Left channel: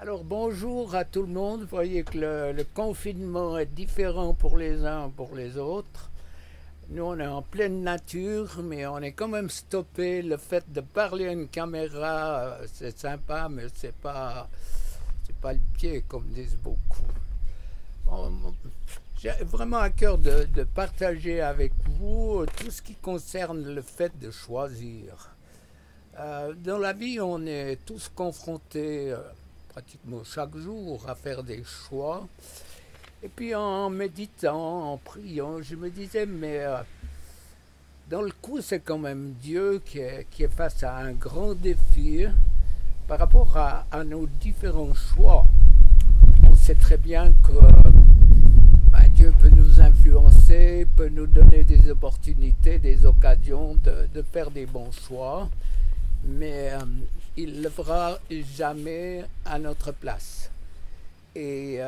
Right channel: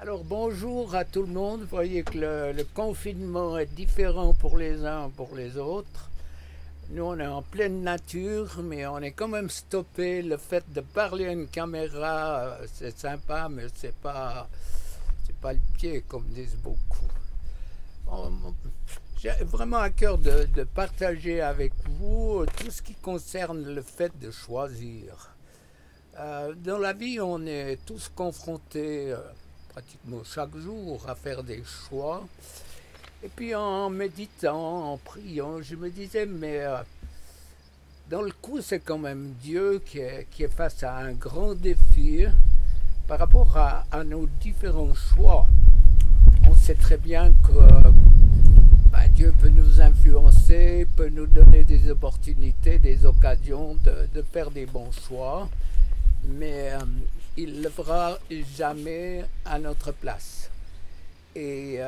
Alors bonjour à tout le monde. Vous voyez que le confinement est différent pour les uns pour les autres. Nous on est en pleine nature, mais on est quand même stoppé. Le fait de parler à une caméra, c'est sympa, mais c'est pas le pied comme disent beaucoup. J'ai vraiment à cœur de partager avec vous tout ce qui concerne le fait de choisir. Dans la vie, on est tous confrontés pratiquement chaque jour à faire des choix. Et puis en méditant, en priant, je me disais, mais dans le coup, c'est quand même Dieu qui est face à un grand défi par rapport à nos différents choix. On sait très bien que Dieu peut nous influencer, peut nous donner des opportunités, des occasions de faire des bons choix, mais il ne le fera jamais à notre place. Et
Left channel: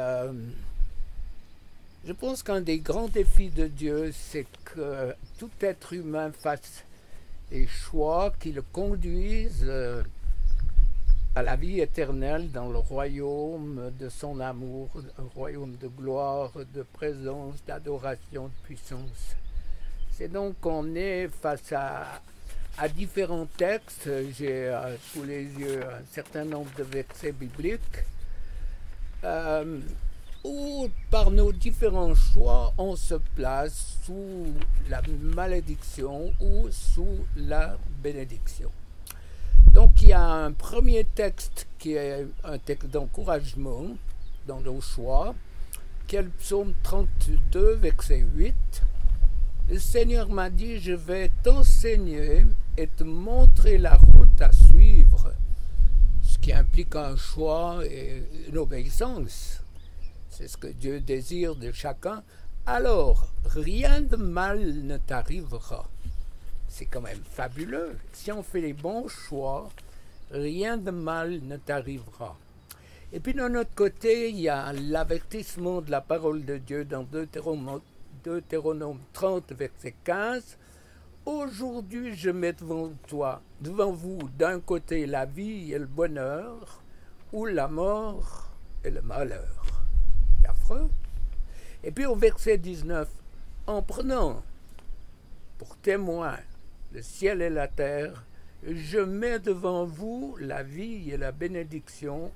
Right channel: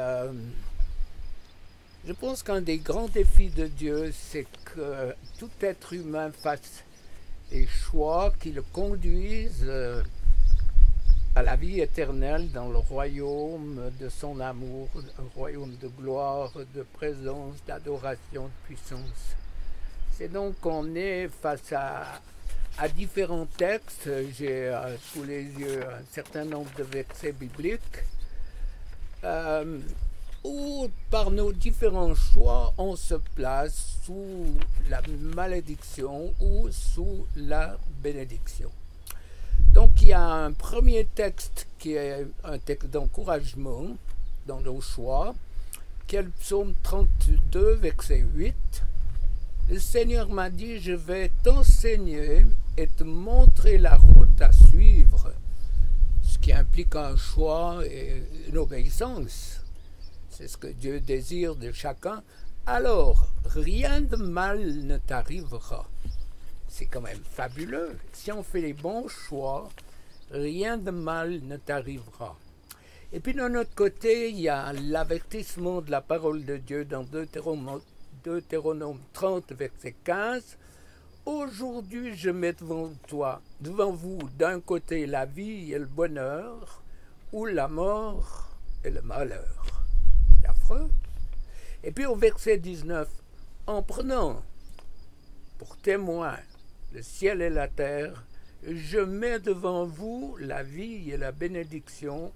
je pense qu'un des grands défis de Dieu, c'est que tout être humain fasse des choix qui le conduisent à la vie éternelle dans le royaume de son amour, un royaume de gloire, de présence, d'adoration, de puissance. C'est donc qu'on est face à différents textes. J'ai sous les yeux un certain nombre de versets bibliques euh, où, par nos différents choix, on se place sous la malédiction ou sous la bénédiction. Donc il y a un premier texte qui est un texte d'encouragement dans nos choix, qui est le psaume 32, verset 8. Le Seigneur m'a dit, je vais t'enseigner et te montrer la route à suivre, ce qui implique un choix et une obéissance. C'est ce que Dieu désire de chacun. Alors, rien de mal ne t'arrivera. C'est quand même fabuleux. Si on fait les bons choix, rien de mal ne t'arrivera. Et puis de notre côté, il y a l'avertissement de la parole de Dieu dans Deutéronome 30, verset 15. Aujourd'hui, je mets devant vous, d'un côté la vie et le bonheur, ou la mort et le malheur. C'est affreux. Et puis au verset 19, en prenant pour témoin le ciel et la terre, je mets devant vous la vie et la bénédiction,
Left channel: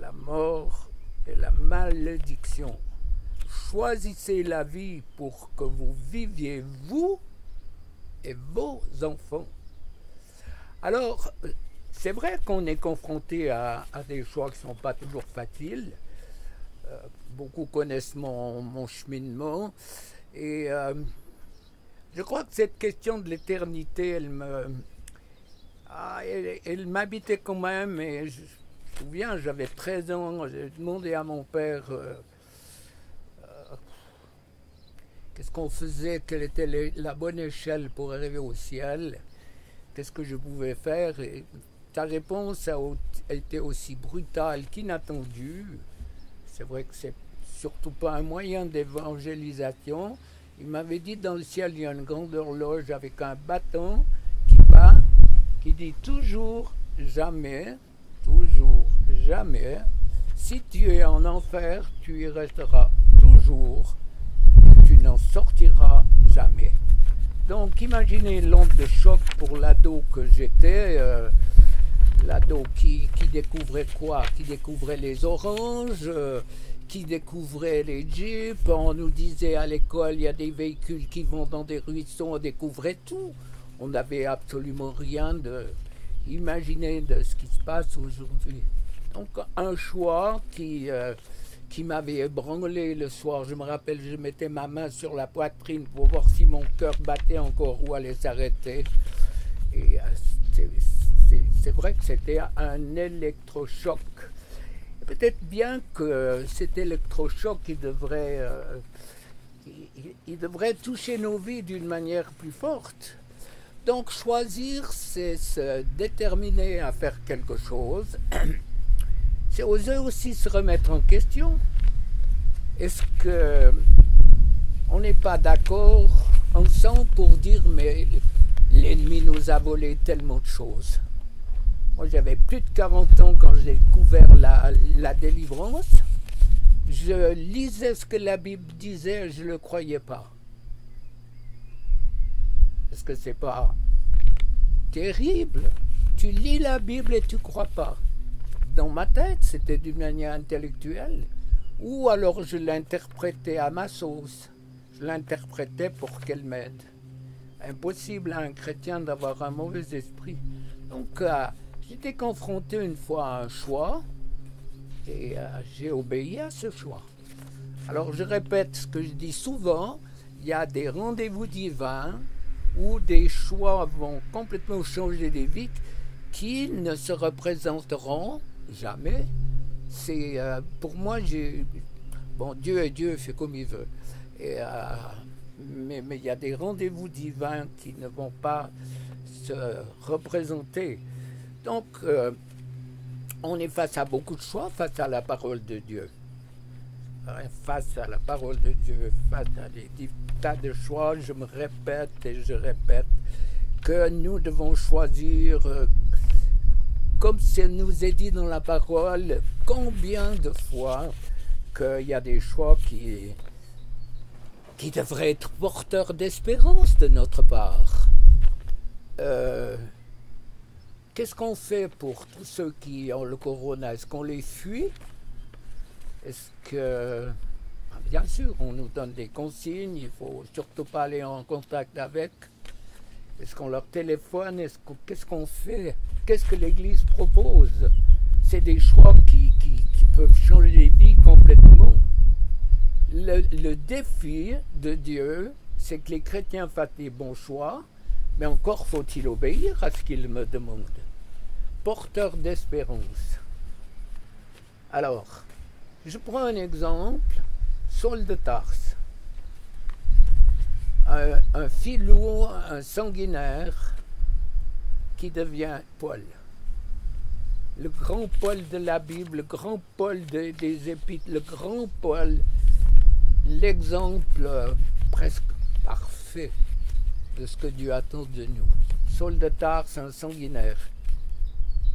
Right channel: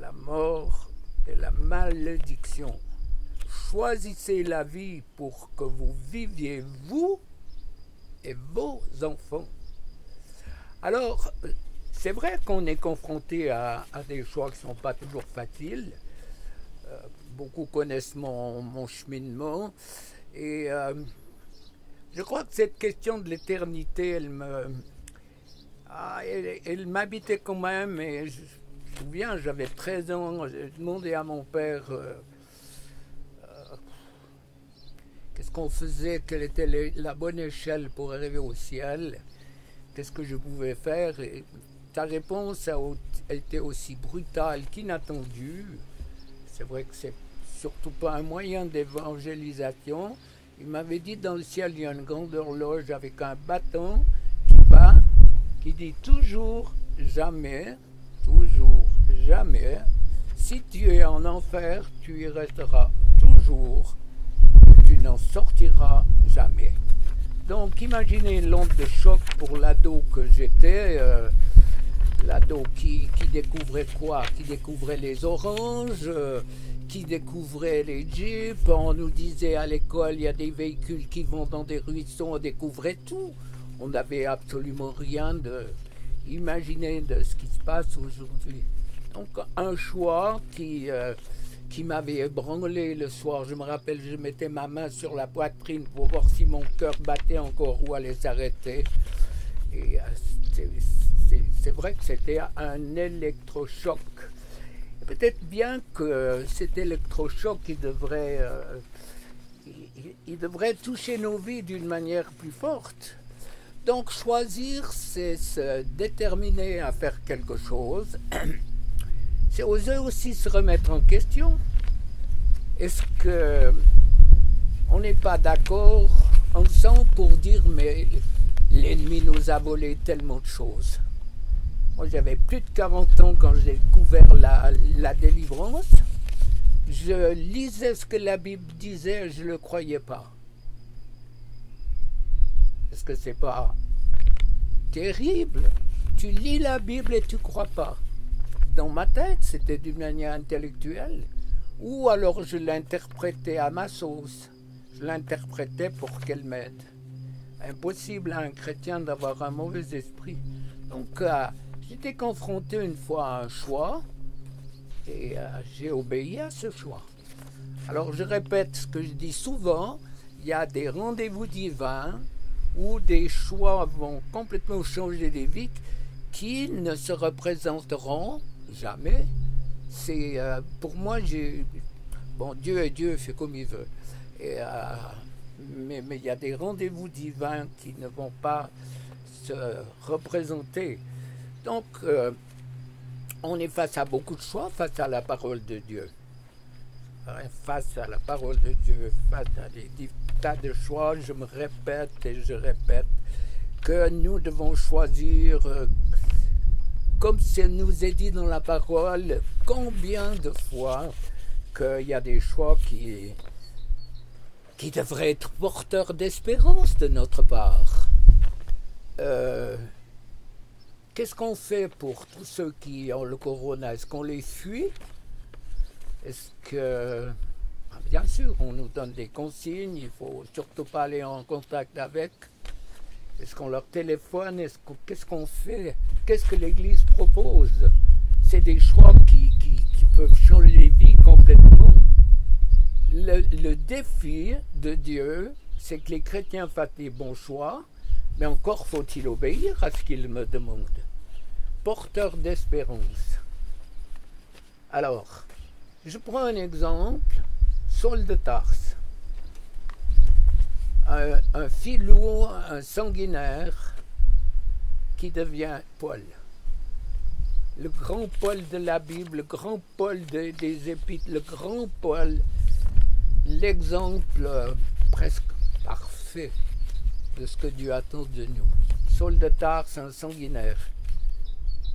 la mort et la malédiction. Choisissez la vie pour que vous viviez, vous et vos enfants. Alors, c'est vrai qu'on est confronté à des choix qui ne sont pas toujours faciles. Beaucoup connaissent mon cheminement. Et je crois que cette question de l'éternité, elle m'habitait quand même. Et je me souviens, j'avais 13 ans, j'ai demandé à mon père qu'est-ce qu'on faisait, quelle était la bonne échelle pour arriver au ciel, qu'est-ce que je pouvais faire. Et sa réponse a été aussi brutale qu'inattendue. C'est vrai que c'est surtout pas un moyen d'évangélisation. Il m'avait dit, dans le ciel, il y a une grande horloge avec un bâton qui bat, qui dit toujours jamais, toujours jamais. Si tu es en enfer, tu y resteras toujours et tu n'en sortiras jamais. Donc imaginez l'onde de choc pour l'ado que j'étais, l'ado qui découvrait quoi? Qui découvrait les oranges, qui découvrait les jeeps. On nous disait à l'école, il y a des véhicules qui vont dans des ruisseaux, on découvrait tout. On n'avait absolument rien imaginé de ce qui se passe aujourd'hui. Donc un choix qui m'avait ébranlé le soir. Je me rappelle, je mettais ma main sur la poitrine pour voir si mon cœur battait encore ou allait s'arrêter. Et c'est vrai que c'était un électrochoc. Peut-être bien que cet électrochoc, il devrait toucher nos vies d'une manière plus forte. Donc choisir, c'est se déterminer à faire quelque chose. C'est oser aussi se remettre en question. Est-ce qu'on n'est pas d'accord ensemble pour dire mais l'ennemi nous a volé tellement de choses? Moi, j'avais plus de 40 ans quand j'ai découvert la délivrance. Je lisais ce que la Bible disait et je ne le croyais pas. Est-ce que c'est pas terrible? Tu lis la Bible et tu ne crois pas. Dans ma tête, c'était d'une manière intellectuelle. Ou alors je l'interprétais à ma sauce. Je l'interprétais pour qu'elle m'aide. Impossible à un chrétien d'avoir un mauvais esprit. Donc, j'étais confronté une fois à un choix et j'ai obéi à ce choix. Alors, je répète ce que je dis souvent, il y a des rendez-vous divins où des choix vont complètement changer des vies qui ne se représenteront jamais. C'est pour moi, bon, Dieu est Dieu, fait comme il veut. Et, mais il y a des rendez-vous divins qui ne vont pas se représenter. Donc, on est face à beaucoup de choix, face à la parole de Dieu. Face à la parole de Dieu, face à des tas de choix, je me répète et je répète que nous devons choisir, comme ça nous est dit dans la parole, combien de fois qu'il y a des choix qui devraient être porteurs d'espérance de notre part. Qu'est-ce qu'on fait pour tous ceux qui ont le corona? Est-ce qu'on les fuit? Est-ce que... Bien sûr, on nous donne des consignes, il ne faut surtout pas aller en contact avec. Est-ce qu'on leur téléphone? Qu'est-ce qu'on fait? Qu'est-ce que l'Église propose? C'est des choix qui peuvent changer les vies complètement. Le défi de Dieu, c'est que les chrétiens fassent des bons choix, mais encore faut-il obéir à ce qu'il me demande. Porteur d'espérance. Alors, je prends un exemple, Saul de Tarse. Un filou, un sanguinaire qui devient Paul. Le grand Paul de la Bible, le grand Paul des Épîtres, le grand Paul, l'exemple presque parfait de ce que Dieu attend de nous. Saul de Tarse, un sanguinaire.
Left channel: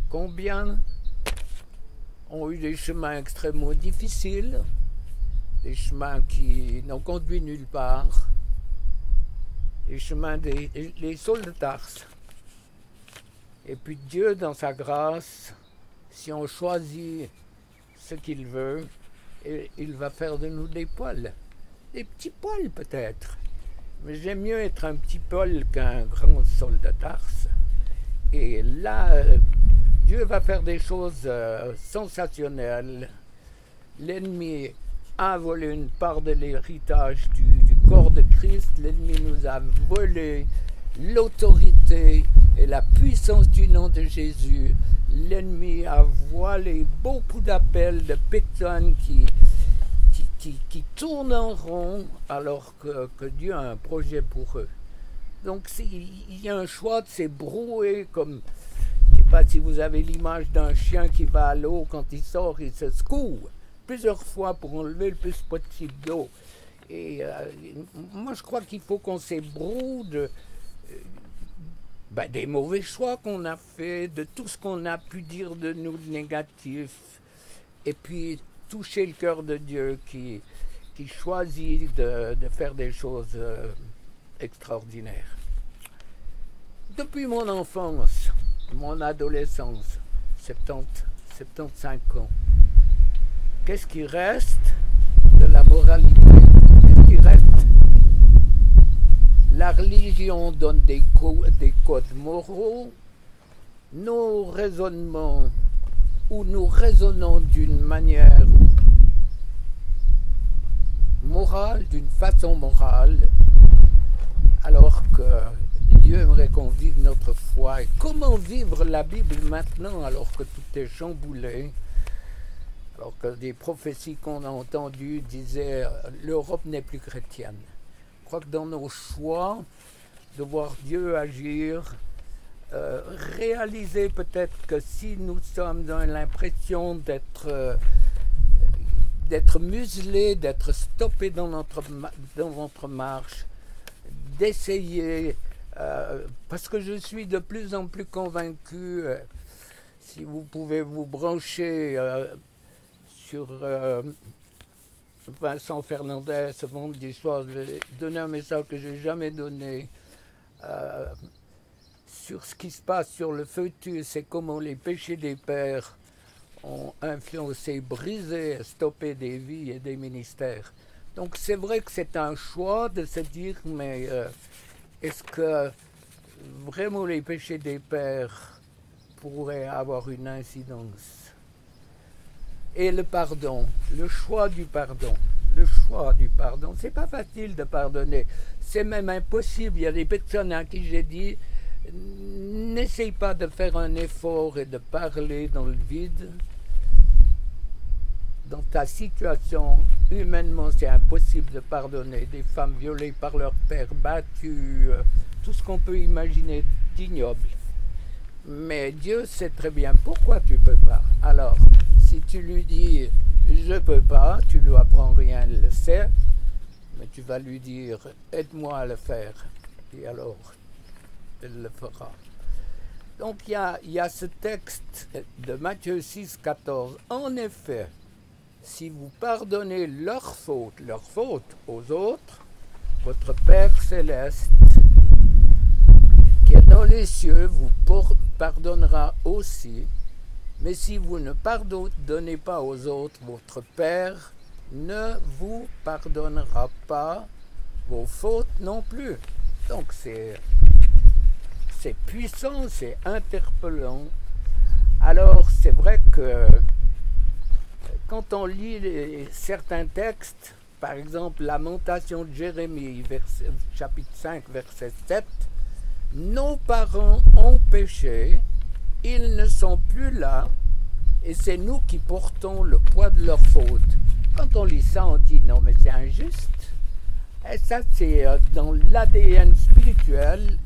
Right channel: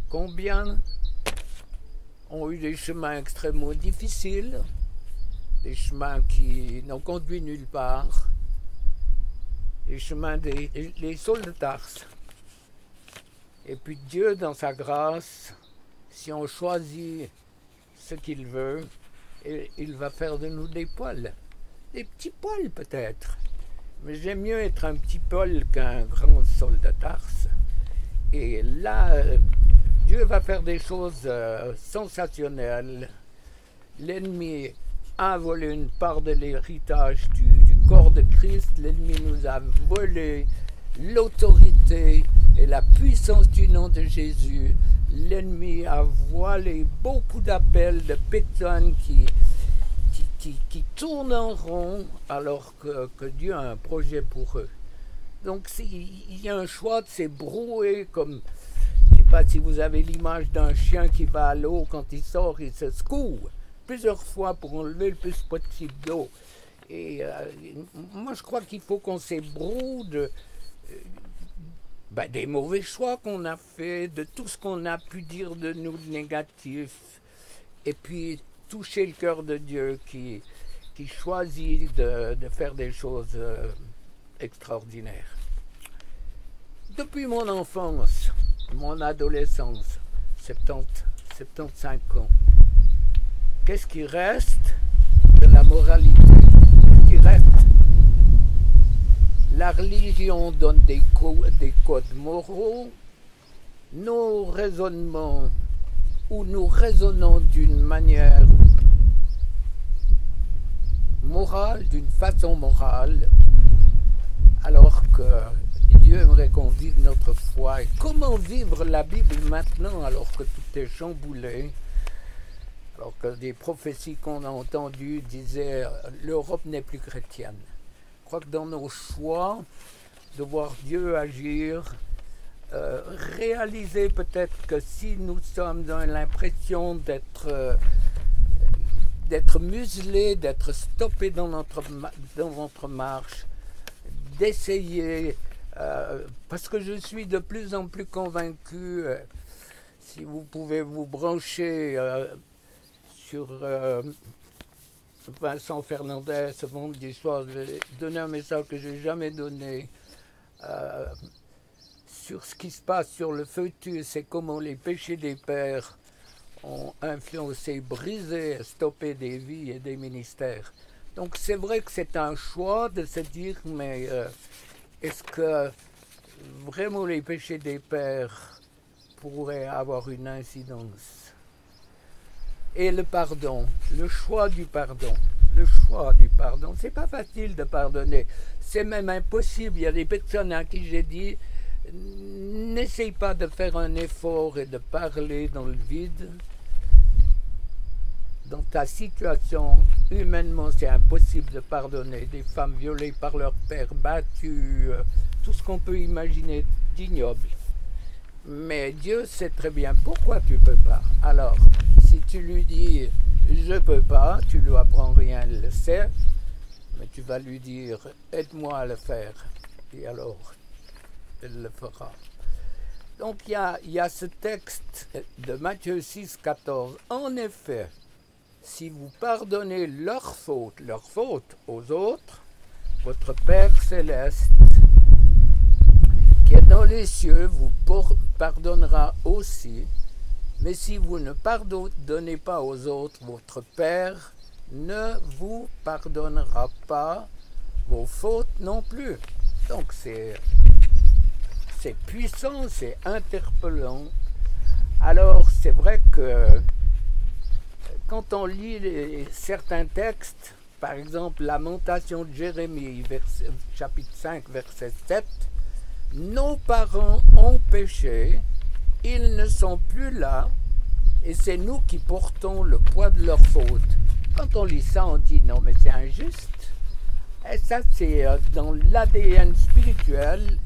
Combien ont eu des chemins extrêmement difficiles, des chemins qui n'ont conduit nulle part, les chemins des Sauls de Tarse. Et puis Dieu, dans sa grâce, si on choisit ce qu'il veut, il va faire de nous des Pauls. Des petits Pauls peut-être. Mais j'aime mieux être un petit Paul qu'un grand Saul de Tarse. Et là, Dieu va faire des choses sensationnelles. L'ennemi a volé une part de l'héritage du corps de Christ. L'ennemi nous a volé l'autorité et la puissance du nom de Jésus. L'ennemi a voilé beaucoup d'appels de personnes qui tournent en rond alors que Dieu a un projet pour eux. Donc il y a un choix de ces brouets comme, je ne sais pas si vous avez l'image d'un chien qui va à l'eau, quand il sort, il se secoue plusieurs fois pour enlever le plus possible d'eau. Et moi je crois qu'il faut qu'on s'ébroue des mauvais choix qu'on a fait, de tout ce qu'on a pu dire de nous de négatif, et puis toucher le cœur de Dieu qui choisit de faire des choses extraordinaires. Depuis mon enfance, mon adolescence, 75 ans, qu'est-ce qui reste de la moralité? Qu'est-ce qui reste? La religion donne des codes moraux, nos raisonnements, où nous raisonnons d'une manière morale, d'une façon morale, alors que Dieu aimerait qu'on vive notre foi. Et comment vivre la Bible maintenant alors que tout est chamboulé, alors que des prophéties qu'on a entendues disaient l'Europe n'est plus chrétienne. Je crois que dans nos choix, de voir Dieu agir, réaliser peut-être que si nous sommes dans l'impression d'être muselés, d'être stoppés dans notre marche, d'essayer, parce que je suis de plus en plus convaincu Si vous pouvez vous brancher sur Vincent Fernandez ce vendredi soir, je vais donner un message que je n'ai jamais donné sur ce qui se passe sur le fœtus et comment les péchés des pères ont influencé, brisé, stoppé des vies et des ministères. Donc c'est vrai que c'est un choix de se dire, mais est-ce que vraiment les péchés des pères pourraient avoir une incidence? Et le pardon, le choix du pardon. Le choix du pardon, c'est pas facile de pardonner, c'est même impossible. Il y a des personnes à qui j'ai dit, n'essaye pas de faire un effort et de parler dans le vide. Dans ta situation, humainement, c'est impossible de pardonner. Des femmes violées par leur père, battues, tout ce qu'on peut imaginer d'ignoble. Mais Dieu sait très bien pourquoi tu ne peux pas. Alors, si tu lui dis « je ne peux pas », tu ne lui apprends rien, il le sait, mais tu vas lui dire « aide-moi à le faire ». Et alors, elle le fera. Donc, il y a ce texte de Matthieu 6, 14. En effet, si vous pardonnez leurs fautes aux autres, votre Père céleste, qui est dans les cieux, vous pardonnera aussi. Mais si vous ne pardonnez pas aux autres, votre Père ne vous pardonnera pas vos fautes non plus. Donc c'est puissant, c'est interpellant. Alors c'est vrai que quand on lit certains textes, par exemple Lamentation de Jérémie, chapitre 5, verset 7, nos parents ont péché, ils ne sont plus là, et c'est nous qui portons le poids de leurs fautes. Quand on lit ça, on dit non, mais c'est injuste. Et ça, c'est dans l'ADN spirituel.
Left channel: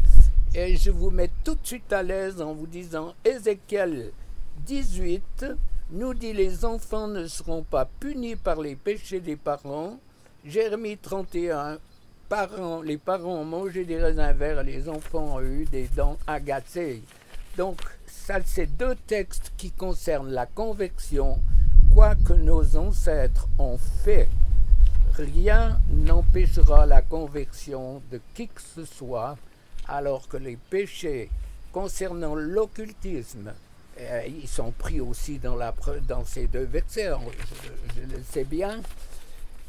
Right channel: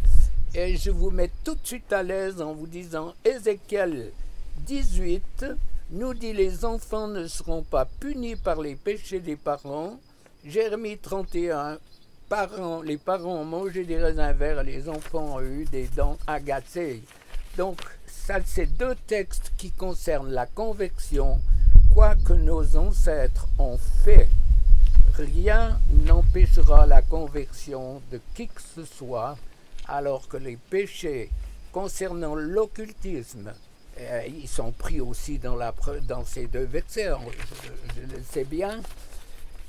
Et je vous mets tout de suite à l'aise en vous disant, Ézéchiel 18 nous dit les enfants ne seront pas punis par les péchés des parents. Jérémie 31, les parents ont mangé des raisins verts et les enfants ont eu des dents agacées. Donc, ça, c'est deux textes qui concernent la conversion. Quoi que nos ancêtres ont fait, rien n'empêchera la conversion de qui que ce soit, alors que les péchés concernant l'occultisme, ils sont pris aussi dans ces deux versets, je le sais bien,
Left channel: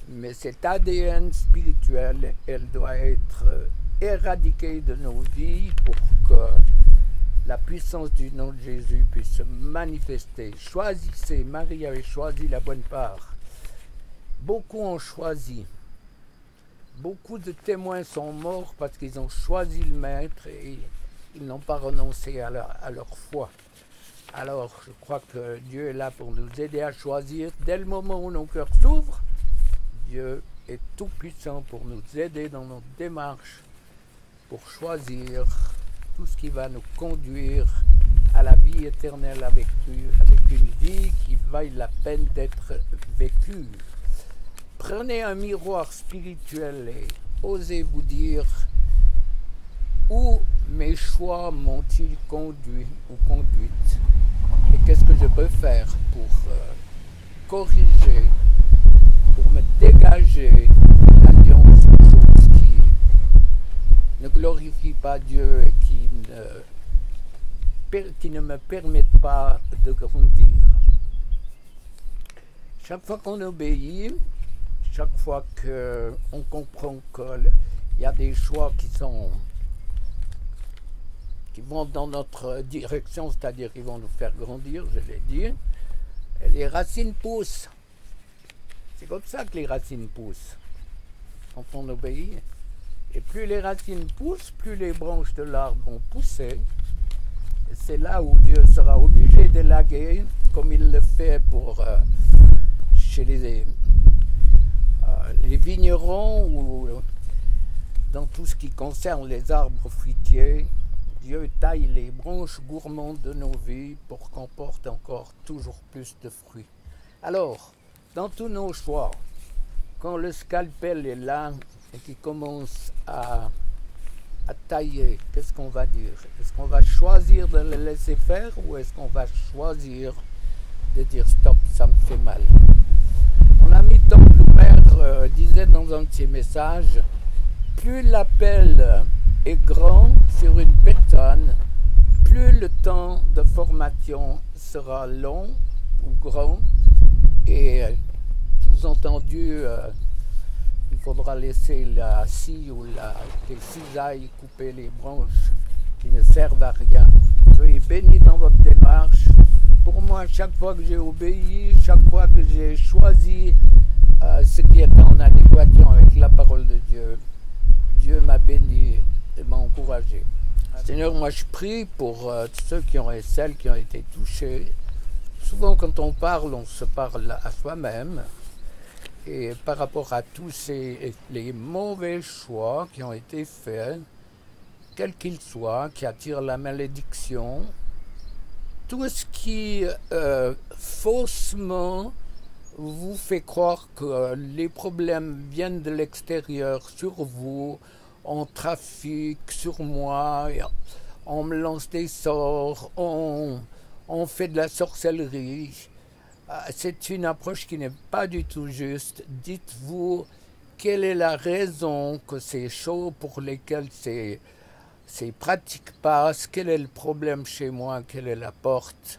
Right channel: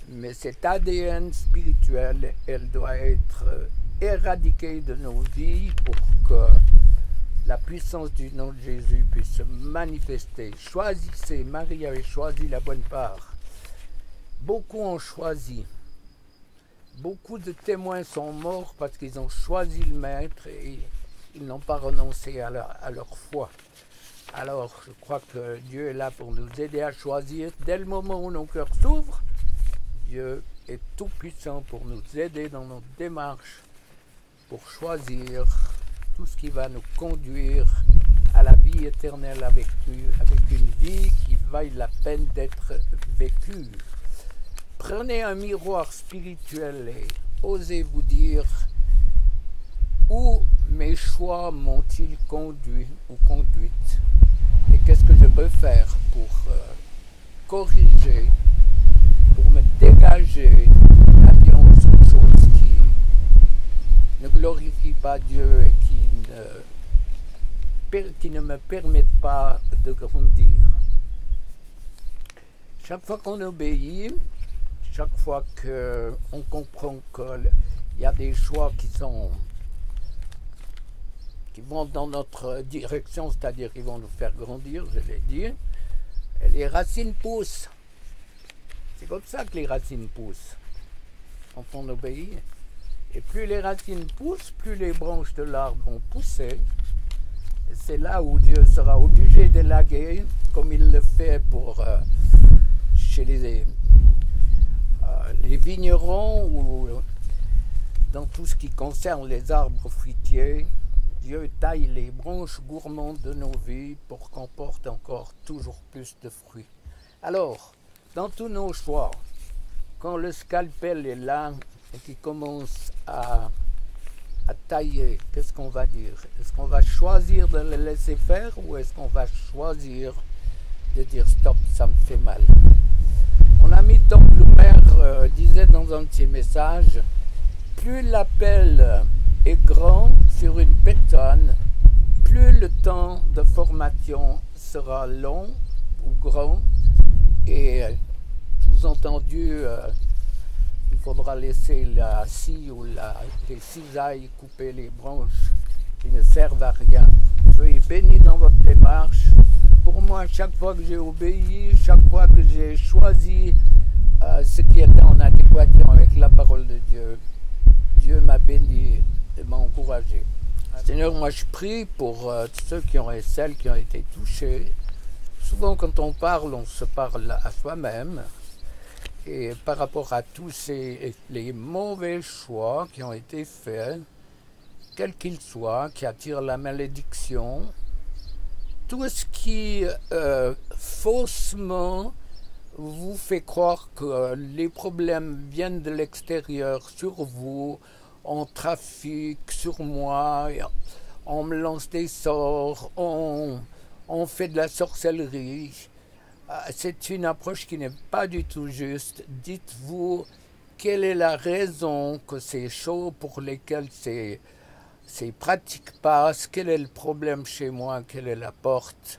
mais cet ADN spirituel, elle doit être éradiquée de nos vies pour que la puissance du nom de Jésus puisse se manifester. Choisissez, Marie avait choisi la bonne part. Beaucoup ont choisi. Beaucoup de témoins sont morts parce qu'ils ont choisi le Maître et ils n'ont pas renoncé à leur foi. Alors, je crois que Dieu est là pour nous aider à choisir. Dès le moment où nos cœurs s'ouvrent, Dieu est tout puissant pour nous aider dans notre démarche, pour choisir tout ce qui va nous conduire à la vie éternelle avec une vie qui vaille la peine d'être vécue. Prenez un miroir spirituel et osez vous dire où mes choix m'ont-ils conduit ou conduite et qu'est-ce que je peux faire pour corriger, pour me dégager d'alliances ou choses qui ne glorifient pas Dieu et qui ne me permettent pas de grandir. Chaque fois qu'on obéit, chaque fois qu'on comprend qu'il y a des choix qui vont dans notre direction, c'est-à-dire qui vont nous faire grandir, je l'ai dit, et les racines poussent. C'est comme ça que les racines poussent, quand on obéit. Et plus les racines poussent, plus les branches de l'arbre vont pousser. Et c'est là où Dieu sera obligé d'élaguer, comme il le fait chez les vignerons ou dans tout ce qui concerne les arbres fruitiers. Dieu taille les branches gourmandes de nos vies pour qu'on porte encore toujours plus de fruits. Alors, dans tous nos choix, quand le scalpel est là et qu'il commence à à tailler, qu'est-ce qu'on va dire? Est-ce qu'on va choisir de le laisser faire ou est-ce qu'on va choisir de dire stop, ça me fait mal? Mon ami Tom Blumer disait dans un de ses messages, plus l'appel est grand sur une personne, plus le temps de formation sera long ou grand, et sous-entendu, il faudra laisser la scie ou les cisailles couper les branches qui ne servent à rien. Soyez bénis dans votre démarche. Pour moi, chaque fois que j'ai obéi, chaque fois que j'ai choisi ce qui était en adéquation avec la parole de Dieu, Dieu m'a béni et m'a encouragé. Seigneur, moi je prie pour ceux et celles qui ont été touchés. Souvent quand on se parle à soi-même. Et par rapport à tous les mauvais choix qui ont été faits, quels qu'ils soient, qui attirent la malédiction, tout ce qui faussement vous fait croire que les problèmes viennent de l'extérieur sur vous, on trafique sur moi, on me lance des sorts, on fait de la sorcellerie. C'est une approche qui n'est pas du tout juste. Dites-vous quelle est la raison que ces choses pour lesquelles ces pratiques passent, quel est le problème chez moi, quelle est la porte,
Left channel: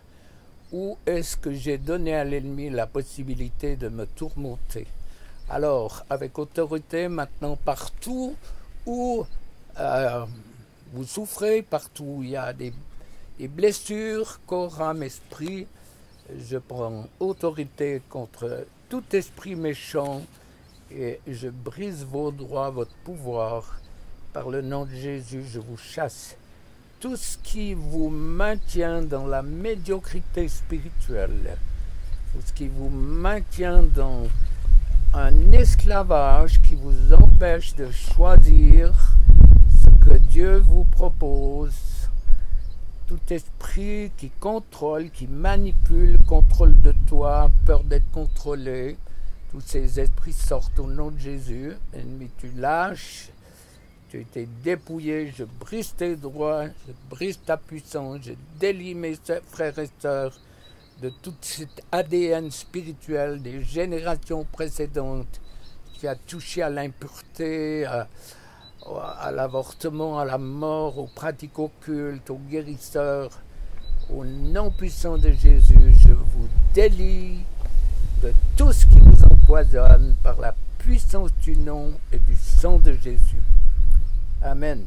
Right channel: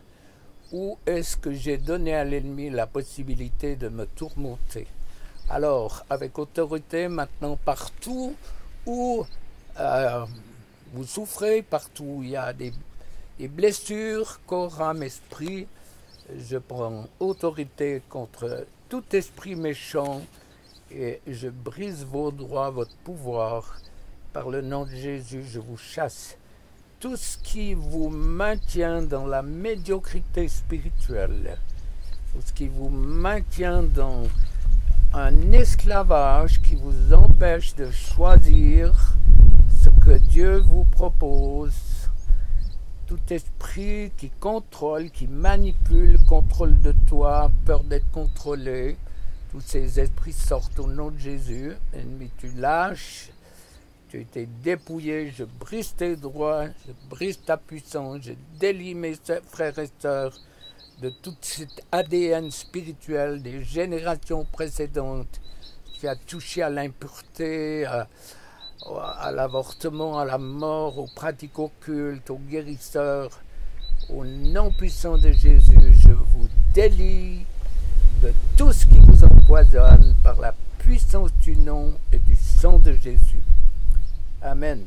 où est-ce que j'ai donné à l'ennemi la possibilité de me tourmenter. Alors, avec autorité, maintenant, partout où vous souffrez, partout où il y a des blessures, corps, âme, esprit, je prends autorité contre tout esprit méchant et je brise vos droits, votre pouvoir. Par le nom de Jésus, je vous chasse. Tout ce qui vous maintient dans la médiocrité spirituelle, tout ce qui vous maintient dans un esclavage qui vous empêche de choisir ce que Dieu vous propose, tout esprit qui contrôle, qui manipule, contrôle de toi, peur d'être contrôlé, tous ces esprits sortent au nom de Jésus. Ennemi, tu lâches, tu as été dépouillé, je brise tes droits, je brise ta puissance, je délie mes frères et sœurs de tout cet ADN spirituel des générations précédentes qui a touché à l'impureté, à l'avortement, à la mort, aux pratiques occultes, aux guérisseurs. Au nom puissant de Jésus, je vous délie de tout ce qui vous empoisonne par la puissance du nom et du sang de Jésus. Amen.